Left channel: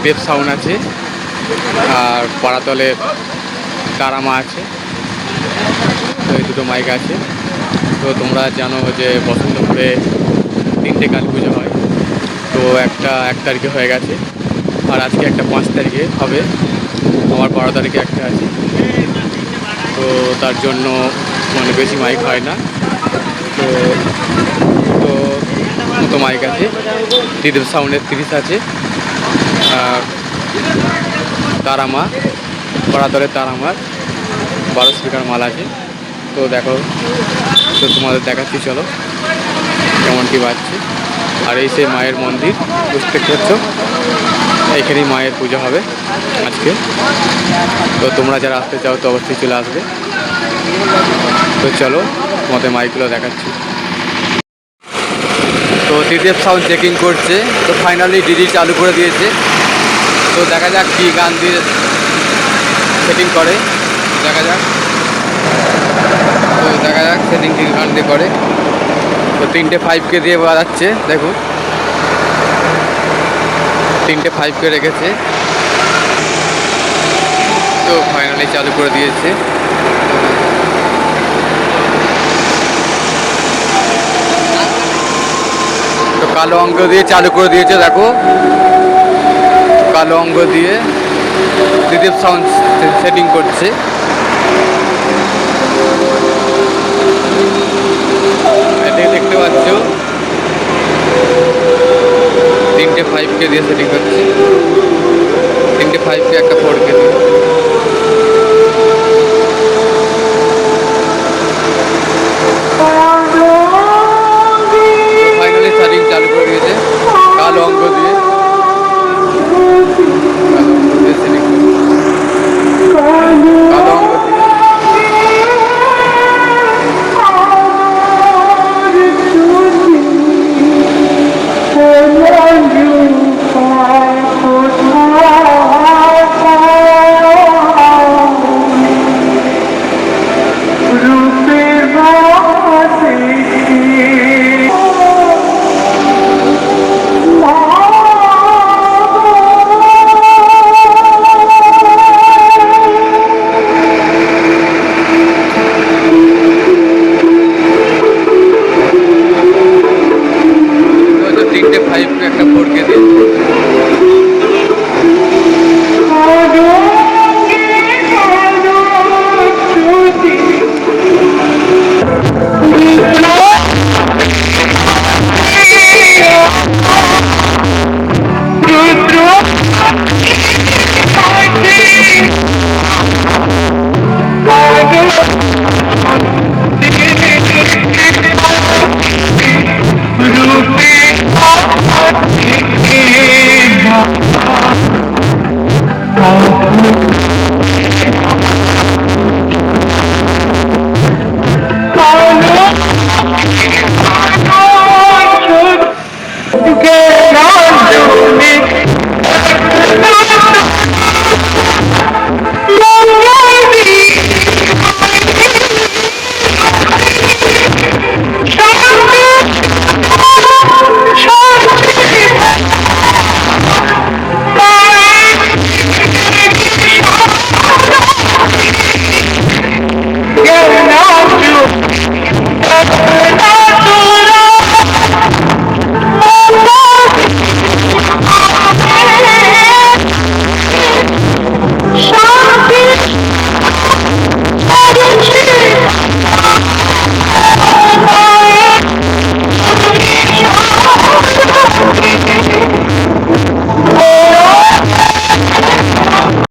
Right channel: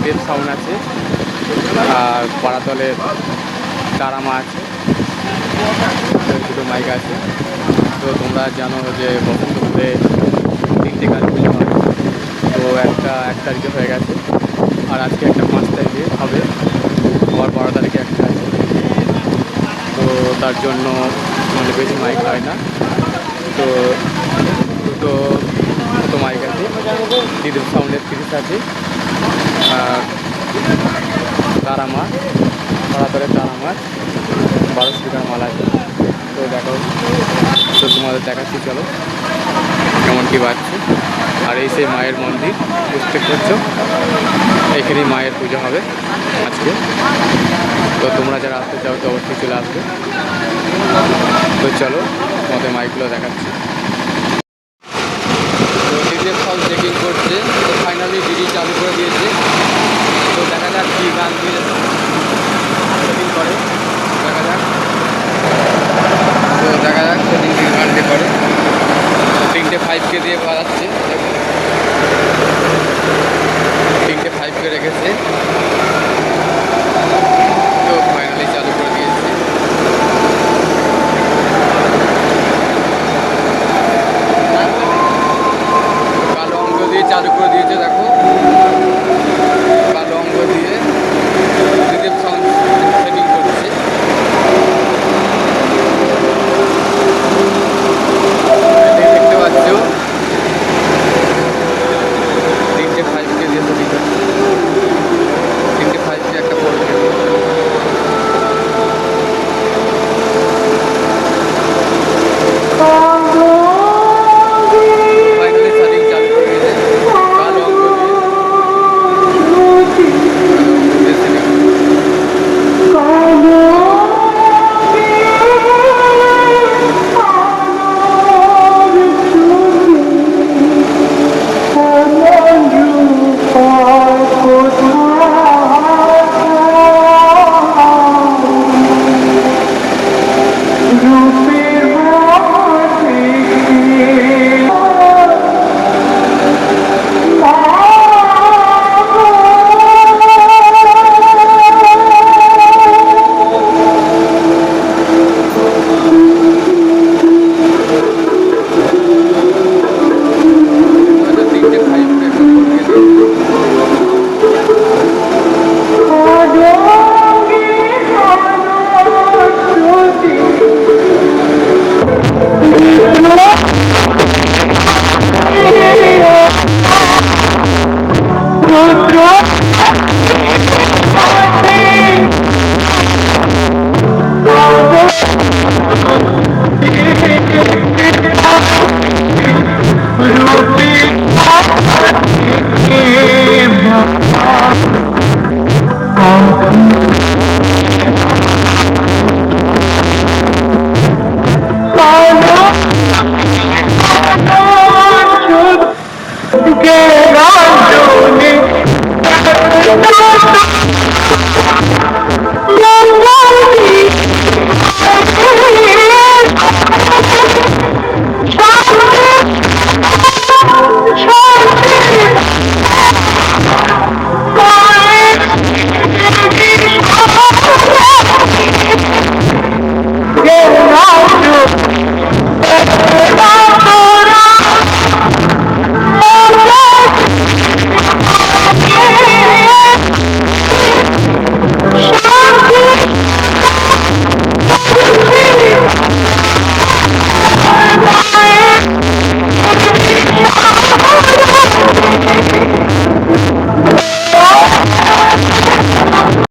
Tridev sound আছে, আর পাড়াতলের তারামা আছে। তো এই দুটো মাইক আছে। তো তোমরা জানো যে বসন্তপুরে 3টে গান পুজো হয়। তো একটা 1 তারিখে হয়ে গেছে, আর আজকে একটা 5 তারিখে হবে, আবার 12 তারিখে একটা আছে। তো তার জন্য মানে বেশি মাইক হয় না। তো দুটো মতো মাইক আছে, ত্রিদেব সাউন্ডের 30 আছে, আর তারামা পাড়াতলের তারামার 12 স্পিকার মাল আছে। তো দেখো, তো তোমাদের দেখাচ্ছি, চলো কেমন কী বাজছে। আর এই সেই মায়ের মন্দির, বুঝতে পারছো, এখানেই মায়ের পুজো হবে আজকে। তো তোমরা যারা আসতে চাও তো অবশ্যই চলে আসবে। তো চলো তোমাদের মাইকগুলো দেখাচ্ছি। তো ত্রিদেব সাউন্ড চেকিং করছে, তো ফাইনালি ডিডি চালু করে দিয়েছে। তো দেখা যাক কী গান দিয়ে সেটিং করে, দেখা যাক। তো দেখা যাক সেটিং কী গান দিয়ে করে। তো 3টে 5K দিয়ে বাজাচ্ছে, দেখুন 3টে 5K রেখেছে। তো ফাইনালি চালু করে দিয়েছে। তো কালো অঙ্গ দিয়ে চালু করে দিয়েছে, দেখো কালো অঙ্গ দিয়ে ত্রিদেব সাউন্ড সেটিং করছে।